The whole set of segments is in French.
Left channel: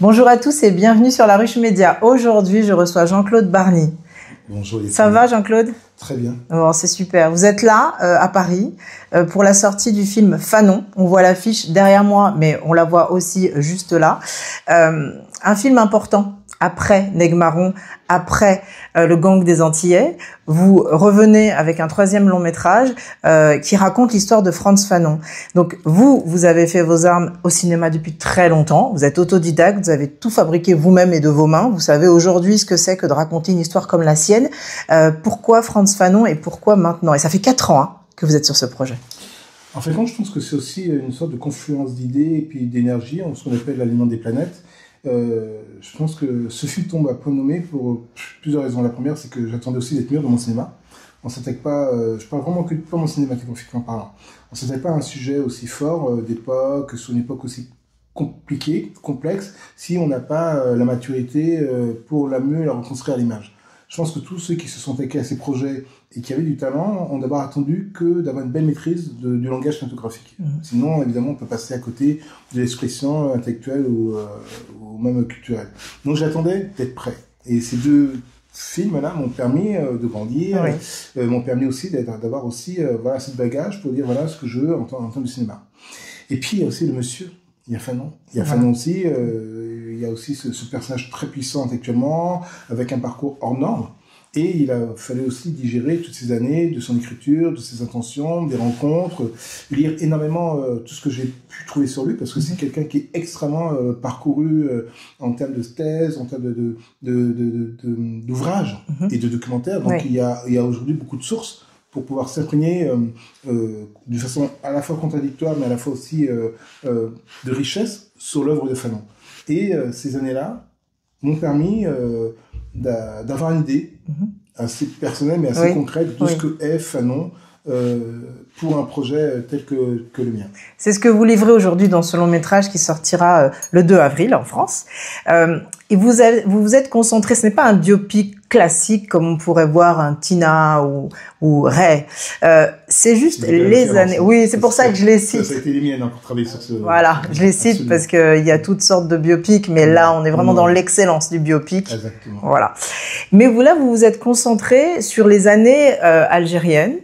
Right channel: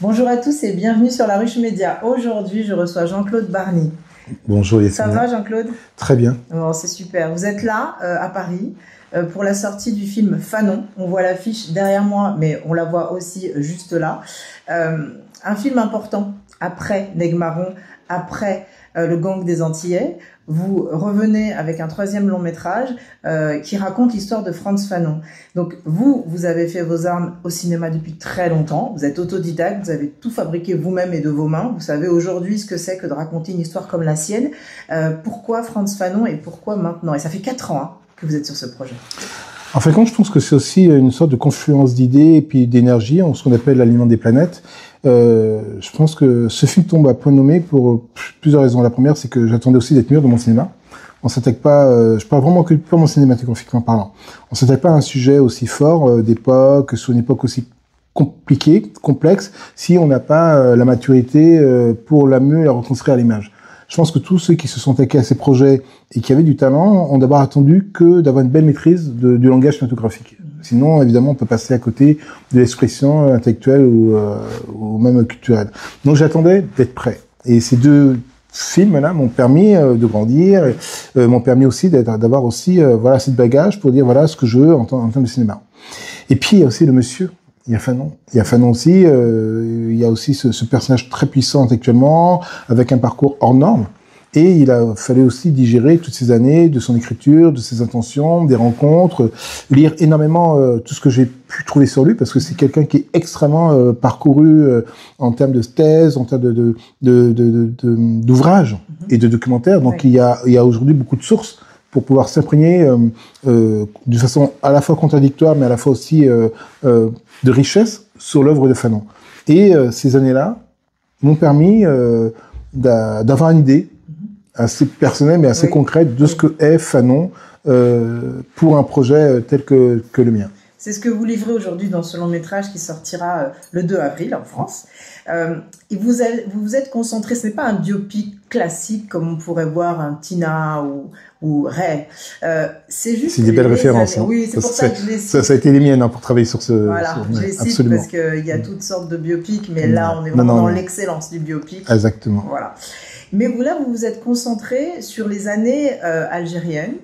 Bonjour à tous et bienvenue sur La Ruche Média. Aujourd'hui, je reçois Jean-Claude Barny. Bonjour Yacine. Ça va Jean-Claude? Très bien. Bon, c'est super. Vous êtes là, à Paris, pour la sortie du film Fanon. On voit l'affiche derrière moi, mais on la voit aussi juste là. Un film important. Après Nègre-Marron, après le gang des Antillais, vous revenez avec un troisième long métrage qui raconte l'histoire de Frantz Fanon. Donc vous avez fait vos armes au cinéma depuis très longtemps, vous êtes autodidacte, vous avez tout fabriqué vous-même et de vos mains, vous savez aujourd'hui ce que c'est que de raconter une histoire comme la sienne. Pourquoi Frantz Fanon et pourquoi maintenant? Et ça fait 4 ans que vous êtes sur ce projet. En fait, je pense que c'est aussi une sorte de confluence d'idées et puis d'énergie, en ce qu'on appelle l'alignement des planètes. Je pense que ce film tombe à point nommé pour plusieurs raisons. La première, c'est que j'attendais aussi d'être mûr de mon cinéma. On s'attaque pas, je parle vraiment que purement cinématographiquement parlant. On s'attaque pas à un sujet aussi fort d'époque, sur une époque aussi compliquée, complexe, si on n'a pas la maturité pour la mieux la reconstruire à l'image. Je pense que tous ceux qui se sont attaqués à ces projets et qui avaient du talent ont d'abord attendu que d'avoir une belle maîtrise du langage cinématographique. Sinon, évidemment, on peut passer à côté de l'expression intellectuelle ou même culturelle. Donc, j'attendais d'être prêt. Et ces deux films-là m'ont permis de grandir, et m'ont permis aussi d'avoir aussi voilà cette bagage pour dire voilà ce que je veux en termes de cinéma. Et puis, il y a aussi le monsieur. Il y a Fanon. Il y a Fanon aussi. Il y a aussi ce personnage très puissant intellectuellement, avec un parcours hors norme. Et il a fallu aussi digérer toutes ces années de son écriture, de ses intentions, des rencontres, lire énormément tout ce que j'ai pu trouver sur lui, parce que c'est quelqu'un qui est extrêmement parcouru en termes de thèses, en termes d'ouvrages et de documentaires. Donc il y a aujourd'hui beaucoup de sources pour pouvoir s'imprégner de façon à la fois contradictoire, mais à la fois aussi de richesse sur l'œuvre de Fanon. Et ces années-là m'ont permis d'avoir une idée assez personnelle, mais assez concrète de ce que est Fanon pour un projet tel que le mien. C'est ce que vous livrez aujourd'hui dans ce long métrage qui sortira le 2 avril en France. Et vous vous êtes concentré, ce n'est pas un biopic classique comme on pourrait voir un Tina ou Ray. C'est juste les années. Oui, c'est pour ça que je les cite. Ça a été les miennes pour travailler sur ce. Voilà, je les cite absolument. Parce qu'il y a toutes sortes de biopics, mais là on est vraiment dans l'excellence du biopic. Exactement. Voilà. Mais vous vous êtes concentré sur les années algériennes.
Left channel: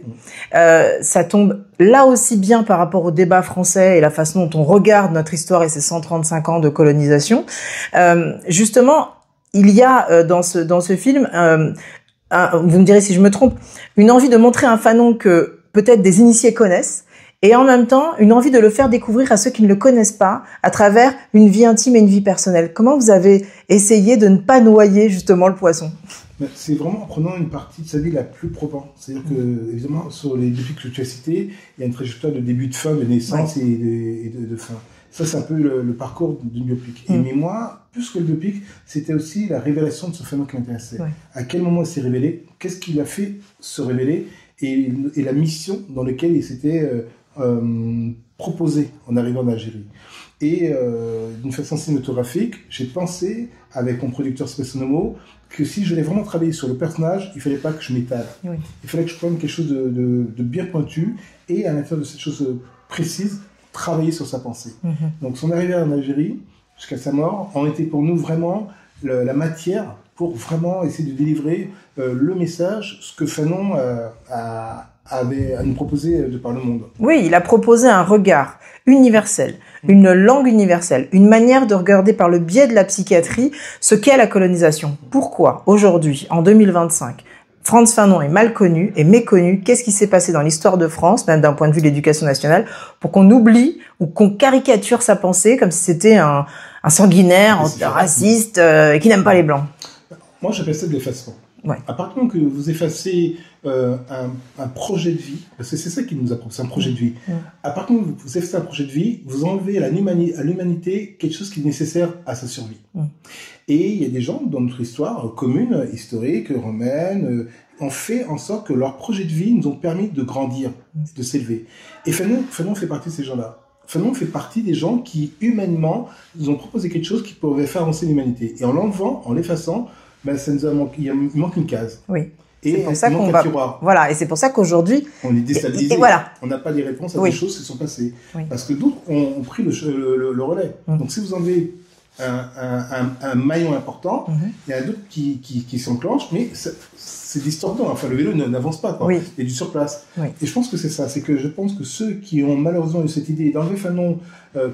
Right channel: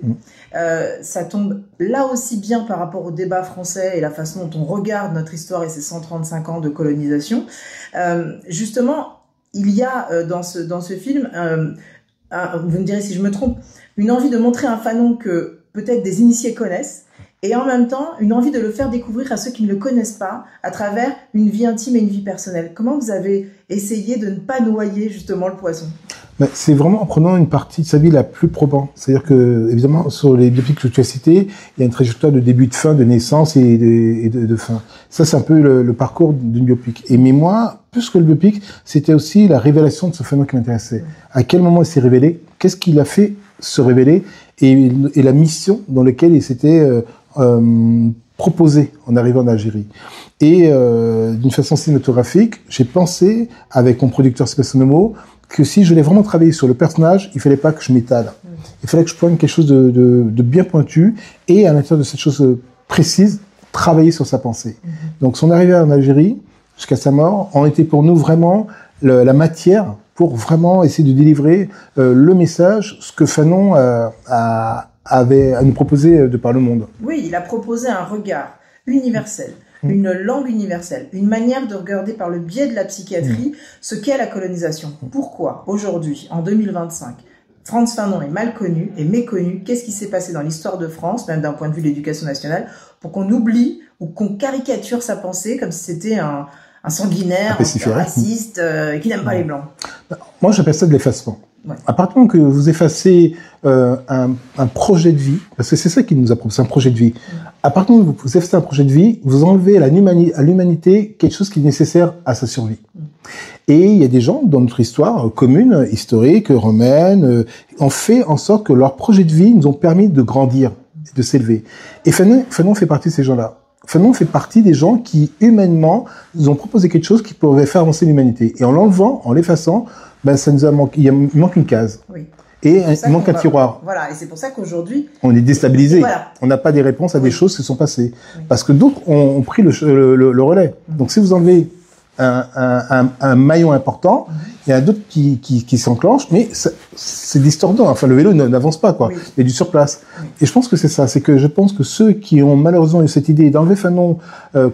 Ça tombe là aussi bien par rapport au débat français et la façon dont on regarde notre histoire et ses 135 ans de colonisation. Justement, il y a dans ce film, vous me direz si je me trompe, une envie de montrer un Fanon que peut-être des initiés connaissent, et en même temps une envie de le faire découvrir à ceux qui ne le connaissent pas à travers une vie intime et une vie personnelle. Comment vous avez essayé de ne pas noyer justement le poisson? C'est vraiment en prenant une partie de sa vie la plus probante. C'est-à-dire que, évidemment, sur les biopics que tu as cités, il y a une trajectoire de début, de fin, de naissance et de fin. Ça, c'est un peu le parcours d'une biopic. Et mais moi, plus que le biopic, c'était aussi la révélation de ce Fanon qui m'intéressait. À quel moment il s'est révélé? Qu'est-ce qui l'a fait se révéler? Et la mission dans laquelle il s'était proposé en arrivant en Algérie. Et d'une façon cinématographique, j'ai pensé, avec mon producteur Sébastien Nomo, que si je voulais vraiment travailler sur le personnage, il fallait pas que je m'étale. Il fallait que je prenne quelque chose de bien pointu et à l'intérieur de cette chose précise, travailler sur sa pensée. Donc son arrivée en Algérie, jusqu'à sa mort, ont été pour nous vraiment la matière pour vraiment essayer de délivrer le message, ce que Fanon avait à nous proposer de par le monde. Oui, il a proposé un regard universel, une langue universelle, une manière de regarder par le biais de la psychiatrie ce qu'est la colonisation. Pourquoi, aujourd'hui, en 2025, Frantz Fanon est mal connu et méconnu? Qu'est-ce qui s'est passé dans l'histoire de France, même d'un point de vue de l'éducation nationale, pour qu'on oublie ou qu'on caricature sa pensée comme si c'était un sanguinaire, un raciste, qui n'aime pas les Blancs? Moi, j'appelle ça de l'effacement. À partir du moment que vous effacez un projet de vie, parce que c'est ça qui nous apprend, c'est un projet de vie. À partir du moment où vous effacez un projet de vie, vous enlevez à l'humanité quelque chose qui est nécessaire à sa survie. Et il y a des gens dans notre histoire commune, historique, romaine, ont fait en sorte que leur projet de vie nous ont permis de grandir, de s'élever. Et Fanon fait partie de ces gens-là. Fanon fait partie des gens qui, humainement, nous ont proposé quelque chose qui pouvait faire avancer l'humanité. Et en l'enlevant, en l'effaçant, ça nous a manqué, il manque une case. Et il manque un tiroir. Voilà, et c'est pour ça qu'aujourd'hui... On est déstabilisé. Et voilà. On n'a pas des réponses à des choses qui sont passées. Parce que d'autres ont pris le relais. Donc si vous enlevez un maillon important, il y a d'autres qui s'enclenchent, mais c'est distordant. Enfin, le vélo n'avance pas, quoi. Oui. Il y a du surplace. Oui. Et je pense que c'est ça. C'est que je pense que ceux qui ont malheureusement eu cette idée d'enlever Fanon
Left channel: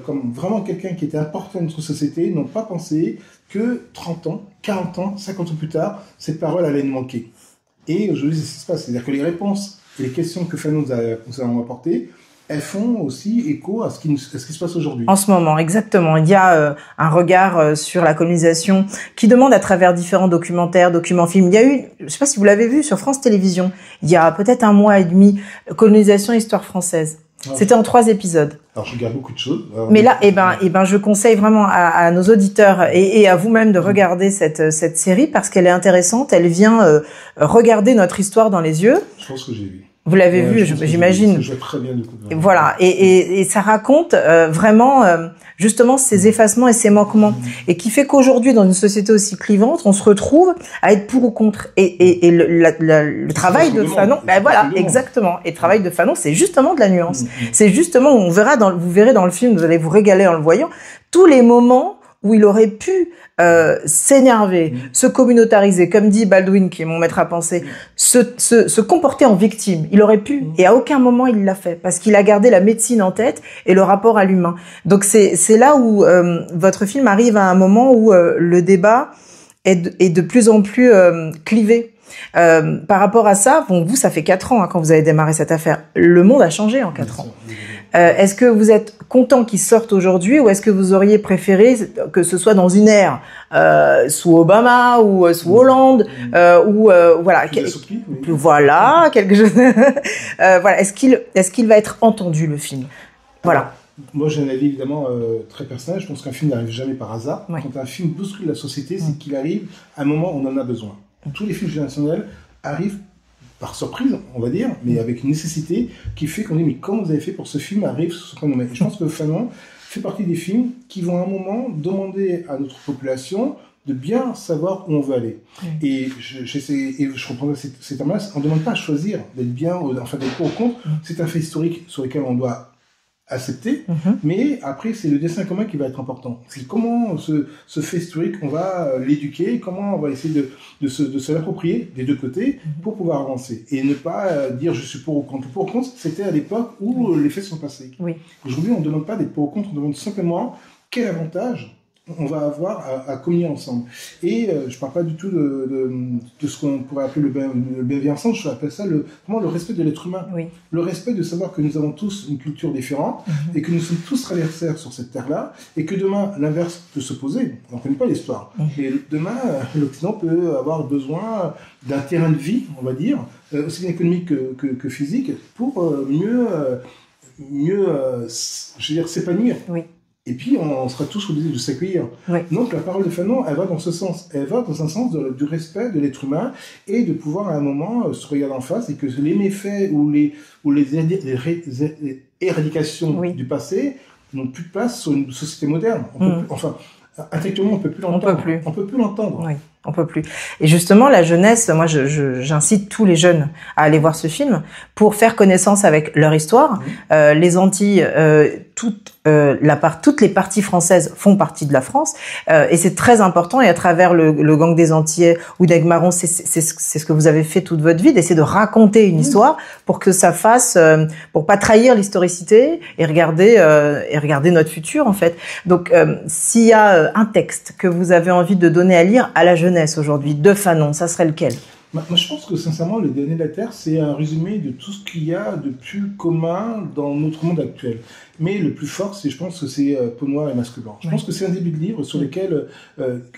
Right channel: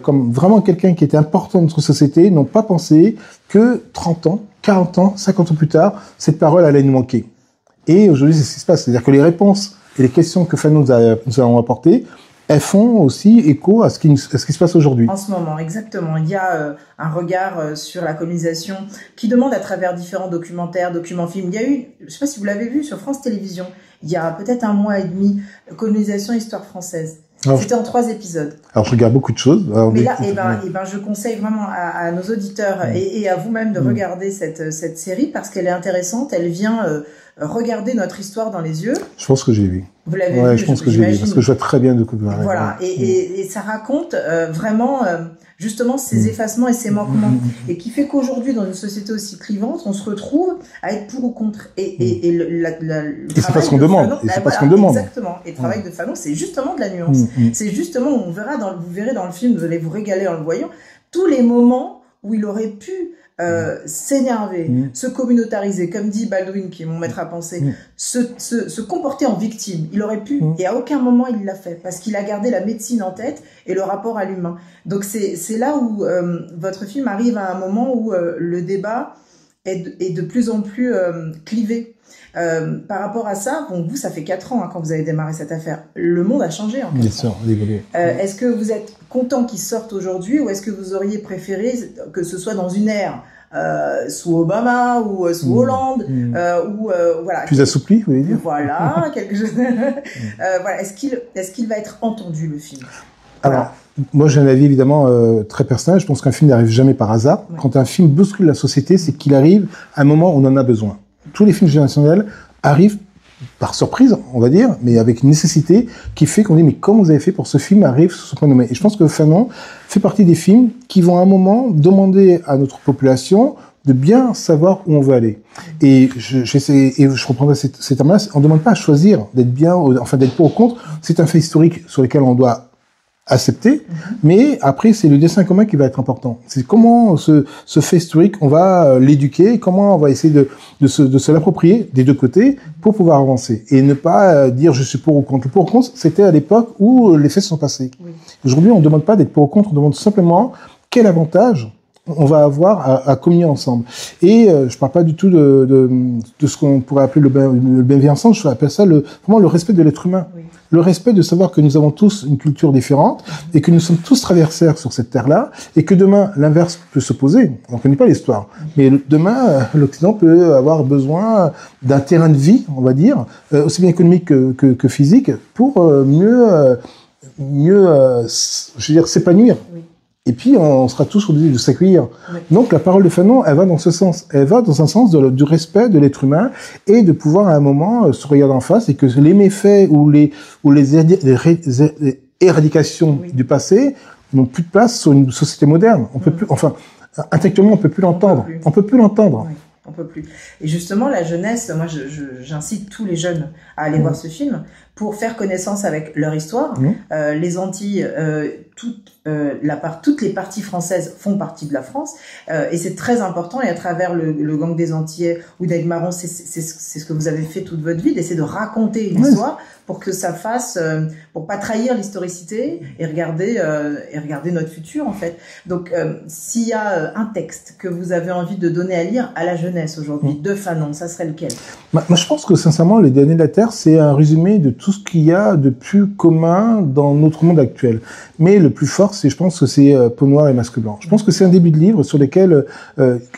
comme vraiment quelqu'un qui était important dans notre société n'ont pas pensé que 30 ans, 40 ans, 50 ans plus tard, cette parole allait nous manquer. Et aujourd'hui, c'est ce qui se passe. C'est-à-dire que les réponses et les questions que Fanon nous a apportées, elles font aussi écho à ce qui se passe aujourd'hui. En ce moment, exactement. Il y a un regard sur la colonisation qui demande à travers différents documentaires, documents-films. Il y a eu, je ne sais pas si vous l'avez vu, sur France Télévisions, il y a peut-être 1 mois et demi, Colonisation, Histoire française. Alors, c'était en 3 épisodes. Alors, je regarde beaucoup de choses. Alors, mais là, je conseille vraiment à nos auditeurs et à vous-même de regarder cette série parce qu'elle est intéressante. Elle vient regarder notre histoire dans les yeux. Je pense que j'ai vu. Vous l'avez vu, j'imagine. Parce que je vois très bien de quoi. Voilà. Et ça raconte vraiment justement ces effacements et ces manquements, et qui fait qu'aujourd'hui, dans une société aussi clivante, on se retrouve à être pour ou contre. Et le travail de Fanon, voilà, exactement. Et le travail de Fanon, c'est justement de la nuance. C'est justement, vous verrez dans le film, vous allez vous régaler en le voyant, tous les moments où il aurait pu s'énerver, se communautariser, comme dit Baldwin, qui est mon maître à penser, se comporter en victime. Il aurait pu, et à aucun moment il l'a fait, parce qu'il a gardé la médecine en tête et le rapport à l'humain. Donc c'est là où votre film arrive à un moment où le débat est de plus en plus clivé. Par rapport à ça, bon, vous, ça fait 4 ans quand vous avez démarré cette affaire. Le monde a changé en 4 ans. Bien sûr, est-ce que vous êtes content qu'il sorte aujourd'hui, ou est-ce que vous auriez préféré que ce soit dans une ère sous Obama ou sous Hollande, ou voilà, plus assoupli, oui. Voilà, quelque chose. Voilà, est-ce qu'il va être entendu, le film? Voilà. Alors, moi, j'ai un avis évidemment très personnel. Je pense qu'un film n'arrive jamais par hasard. Ouais. Quand un film bouscule la société, c'est qu'il arrive à un moment où on en a besoin. Tous les films générationnels arrivent par surprise, on va dire, mais avec une nécessité qui fait qu'on dit, mais comment vous avez fait pour ce film arrive sur ce point nommé? Et je pense que Fanon fait partie des films qui vont à un moment demander à notre population de bien savoir où on veut aller. Et je reprendrai ces termes-là, on ne demande pas à choisir d'être bien, enfin d'être pour ou contre. C'est un fait historique sur lequel on doit accepter, mais après c'est le destin commun qui va être important. C'est comment ce fait historique on va l'éduquer, comment on va essayer de se l'approprier des deux côtés pour pouvoir avancer et ne pas dire je suis pour ou contre. Le pour ou contre, c'était à l'époque où les faits sont passés. Oui. Aujourd'hui, on ne demande pas d'être pour ou contre, on demande simplement quel avantage on va avoir à communier ensemble. Et je parle pas du tout de ce qu'on pourrait appeler le bienveillance, je appelle ça vraiment le respect de l'être humain. Oui. Le respect de savoir que nous avons tous une culture différente et que nous sommes tous traversaires sur cette terre-là et que demain, l'inverse peut s'opposer. On ne connaît pas l'histoire. Et demain, l'Occident peut avoir besoin d'un terrain de vie, on va dire, aussi bien économique que physique, pour mieux je veux dire, s'épanouir. Oui. Et puis, on sera tous obligés de s'accueillir. Oui. Donc, la parole de Fanon, elle va dans ce sens. Elle va dans un sens du respect de l'être humain et de pouvoir, à un moment, se regarder en face et que les méfaits ou les éradications du passé n'ont plus de place sur une société moderne. On peut plus, enfin, intellectuellement, on peut plus l'entendre. On peut plus l'entendre. Oui. On peut plus. Et justement, la jeunesse, moi, j'incite tous les jeunes à aller voir ce film pour faire connaissance avec leur histoire. Les Antilles, toutes les parties françaises font partie de la France, et c'est très important. Et à travers le Gang des Antillais ou d'Aigues-Marron, c'est ce que vous avez fait toute votre vie, d'essayer de raconter une histoire pour que ça fasse, pour pas trahir l'historicité et regarder notre futur en fait. Donc, s'il y a un texte que vous avez envie de donner à lire à la jeunesse aujourd'hui, de Fanon, ça serait lequel? Moi, je pense que sincèrement, Les Derniers de la Terre, c'est un résumé de tout ce qu'il y a de plus commun dans notre monde actuel. Mais le plus fort, je pense que c'est Peau noire et masque blanc. Je pense que c'est un début de livre sur lequel,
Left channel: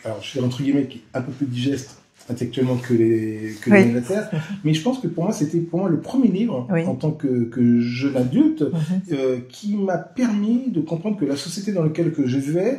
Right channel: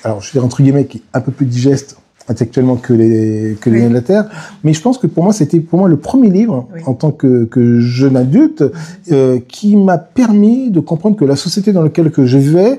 alors je dirais entre guillemets, qui est un peu plus digeste intellectuellement que les Derniers de la Terre, mais je pense que pour moi, c'était le premier livre en tant que jeune adulte qui m'a permis de comprendre que la société dans laquelle je vivais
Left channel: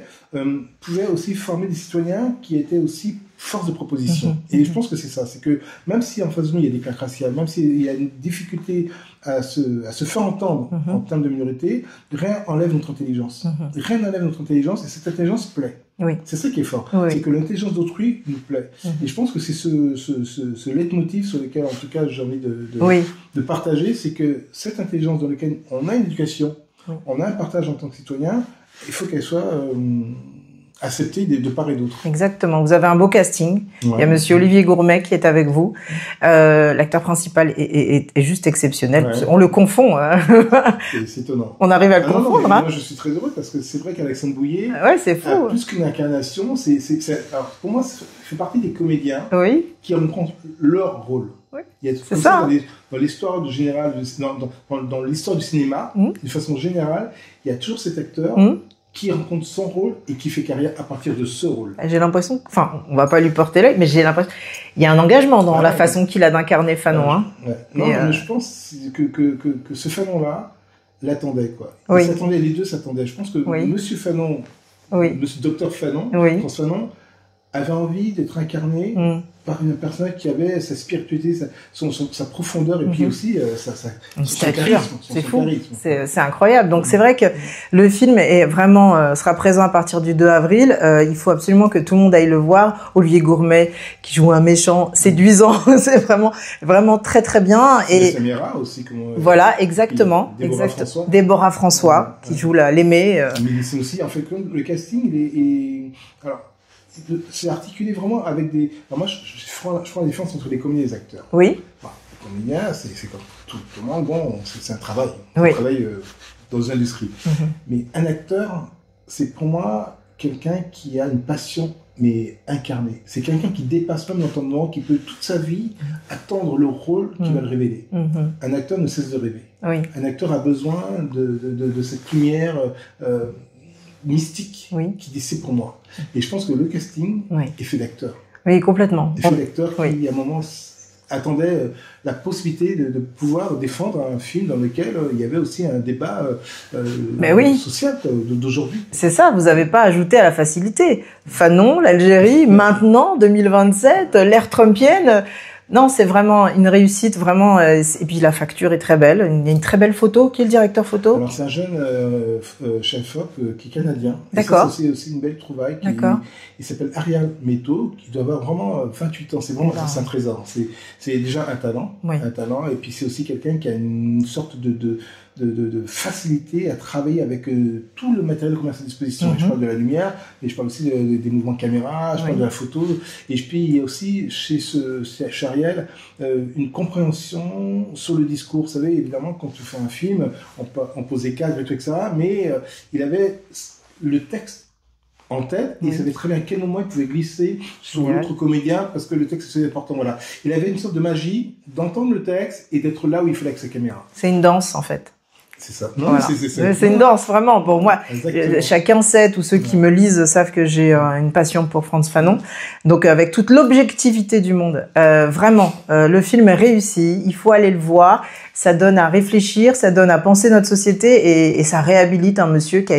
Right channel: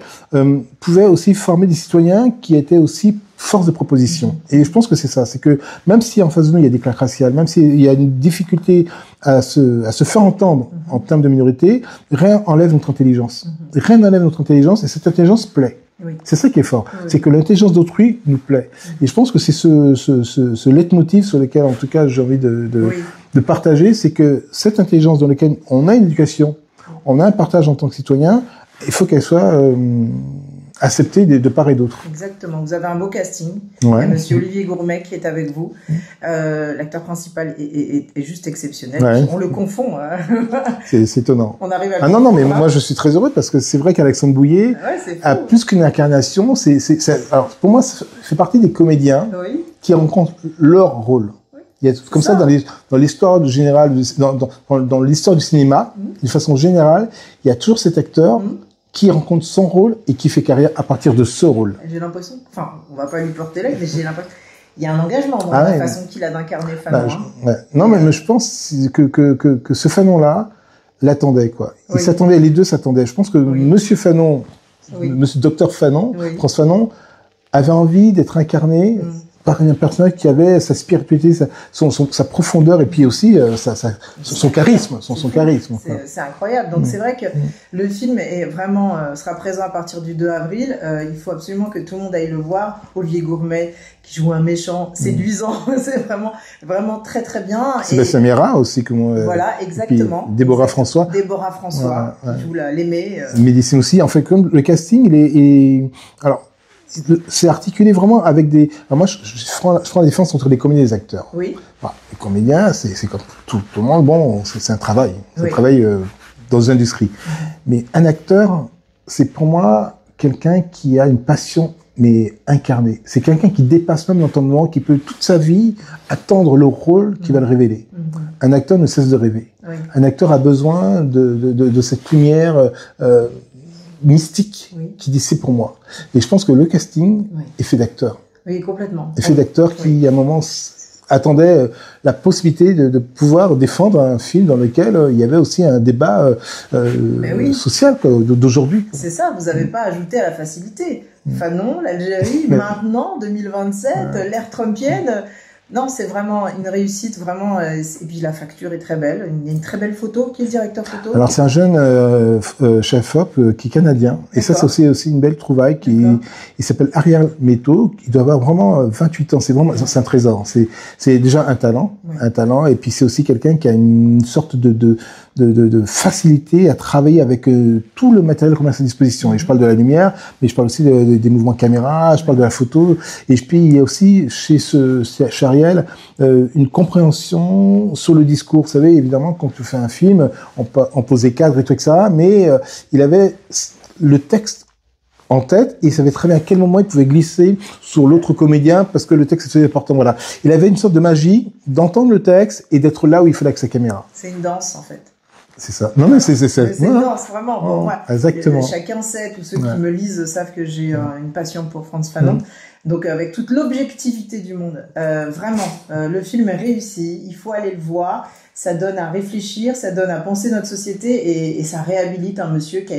pouvait aussi former des citoyens qui étaient aussi force de proposition. Et je pense que c'est ça, c'est que même si en face de nous il y a des claques raciales, même s'il y a une difficulté à se faire entendre en termes de minorité, rien enlève notre intelligence. Rien n'enlève notre intelligence et cette intelligence plaît. Oui. C'est ça qui est fort, c'est que l'intelligence d'autrui nous plaît. Et je pense que c'est ce leitmotiv sur lequel, en tout cas, j'ai envie de partager, c'est que cette intelligence dans laquelle on a une éducation, on a un partage en tant que citoyen, il faut qu'elle soit accepté de part et d'autre. Exactement. Vous avez un beau casting. Ouais. Il y a Monsieur Olivier Gourmet qui est avec vous. L'acteur principal est juste exceptionnel. Ouais. On le confond. C'est étonnant. On arrive à le Ah non, confondre. non, mais hein. moi je suis très heureux parce que c'est vrai qu'Alexandre Bouillet Ouais, c'est fou. a plus qu'une incarnation. Alors pour moi, ça fait partie des comédiens Oui. qui rencontrent leur rôle. Oui. Il y a comme ça, dans l'histoire du général, dans l'histoire du cinéma, de façon générale, il y a toujours cet acteur qui rencontre son rôle et qui fait carrière à partir de ce rôle. J'ai l'impression, enfin, on va pas lui porter l'œil, mais j'ai l'impression, il y a un engagement dans la façon qu'il a d'incarner Fanon. Non, mais je pense que ce Fanon-là l'attendait, quoi. Oui. Les deux s'attendaient. Je pense que Monsieur Fanon, Monsieur Docteur Fanon, François Fanon, avait envie d'être incarné par un personnage qui avait sa spiritualité, sa profondeur et puis aussi son charisme. C'est incroyable. Donc c'est vrai que le film est vraiment sera présent à partir du 2 avril. Il faut absolument que tout le monde aille le voir. Olivier Gourmet qui joue un méchant séduisant, c'est vraiment très très bien. Sébastien Mera aussi, voilà, exactement. Déborah François. Déborah François qui joue l'aimée. Médecine aussi. En fait, comme le casting, alors. C'est articulé vraiment avec des... Alors moi, je prends la différence entre les comédiens et les acteurs. Oui. Enfin, les comédiens, c'est comme tout le monde, bon, c'est un travail. C'est un travail dans une industrie. Mais un acteur, c'est pour moi quelqu'un qui a une passion, mais incarnée. C'est quelqu'un qui dépasse même l'entendement, qui peut toute sa vie attendre le rôle qui va le révéler. Un acteur ne cesse de rêver. Un acteur a besoin de cette lumière... mystique qui dit c'est pour moi. Et je pense que le casting est fait d'acteurs. Oui, complètement. Est fait d'acteurs qui, à un moment, attendaient la possibilité de pouvoir défendre un film dans lequel il y avait aussi un débat social d'aujourd'hui. C'est ça, vous n'avez pas ajouté à la facilité. Fanon, l'Algérie, maintenant, 2027, l'ère trumpienne... Non, c'est vraiment une réussite, vraiment. Et puis la facture est très belle. Il y a une très belle photo. Qui est le directeur photo? Alors c'est un jeune chef-op qui est canadien. Et ça, c'est aussi une belle trouvaille. Il s'appelle Ariel Meto. Il doit avoir vraiment 28 ans. C'est vraiment, c'est un trésor. C'est déjà un talent. Un talent. Et puis c'est aussi quelqu'un qui a une sorte de facilité à travailler avec tout le matériel qu'on a à sa disposition. Et je parle de la lumière, mais je parle aussi des mouvements caméra, je parle de la photo. Et puis il y a aussi chez Ariel une compréhension sur le discours. Vous savez, évidemment, quand tu fais un film, on pose des cadres et tout ça, mais il avait le texte en tête et il savait très bien à quel moment il pouvait glisser sur l'autre comédien parce que le texte était important. Voilà. Il avait une sorte de magie d'entendre le texte et d'être là où il fallait avec sa caméra. C'est une danse, en fait. C'est ça. Non, voilà. C'est une danse, vraiment. Bon, moi, exactement. Chacun sait, tous ceux qui me lisent savent que j'ai une passion pour Frantz Fanon. Donc, avec toute l'objectivité du monde, vraiment, le film est réussi. Il faut aller le voir. Ça donne à réfléchir, ça donne à penser notre société et ça réhabilite un monsieur qui a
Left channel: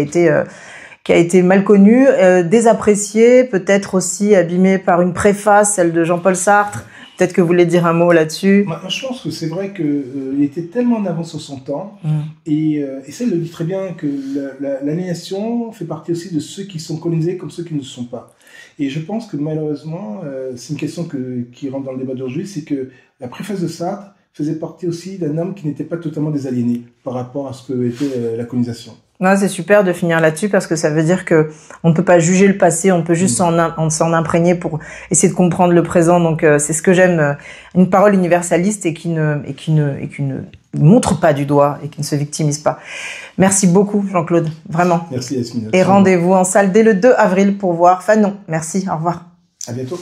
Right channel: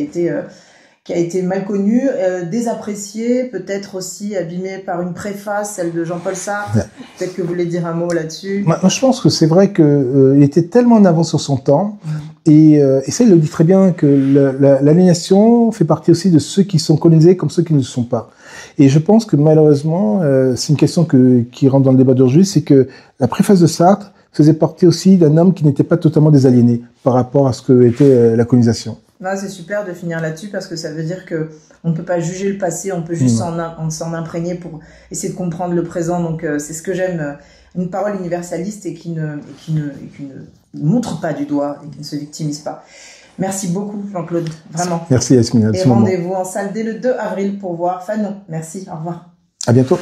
été mal connu, désapprécié, peut-être aussi abîmé par une préface, celle de Jean-Paul Sartre. Peut-être que vous voulez dire un mot là-dessus. Moi, je pense que c'est vrai qu'il était tellement en avance sur son temps. Et ça, il le dit très bien, que l'aliénation fait partie aussi de ceux qui sont colonisés comme ceux qui ne le sont pas. Et je pense que malheureusement, c'est une question qui rentre dans le débat d'aujourd'hui, c'est que la préface de Sartre faisait partie aussi d'un homme qui n'était pas totalement désaliéné par rapport à ce que était la colonisation. C'est super de finir là-dessus parce que ça veut dire que on ne peut pas juger le passé, on peut juste s'en imprégner pour essayer de comprendre le présent. Donc c'est ce que j'aime, une parole universaliste et qui ne montre pas du doigt et qui ne se victimise pas. Merci beaucoup Jean-Claude, vraiment. Merci Yasmine. Et rendez-vous en salle dès le 2 avril pour voir Fanon. Merci, au revoir. À bientôt.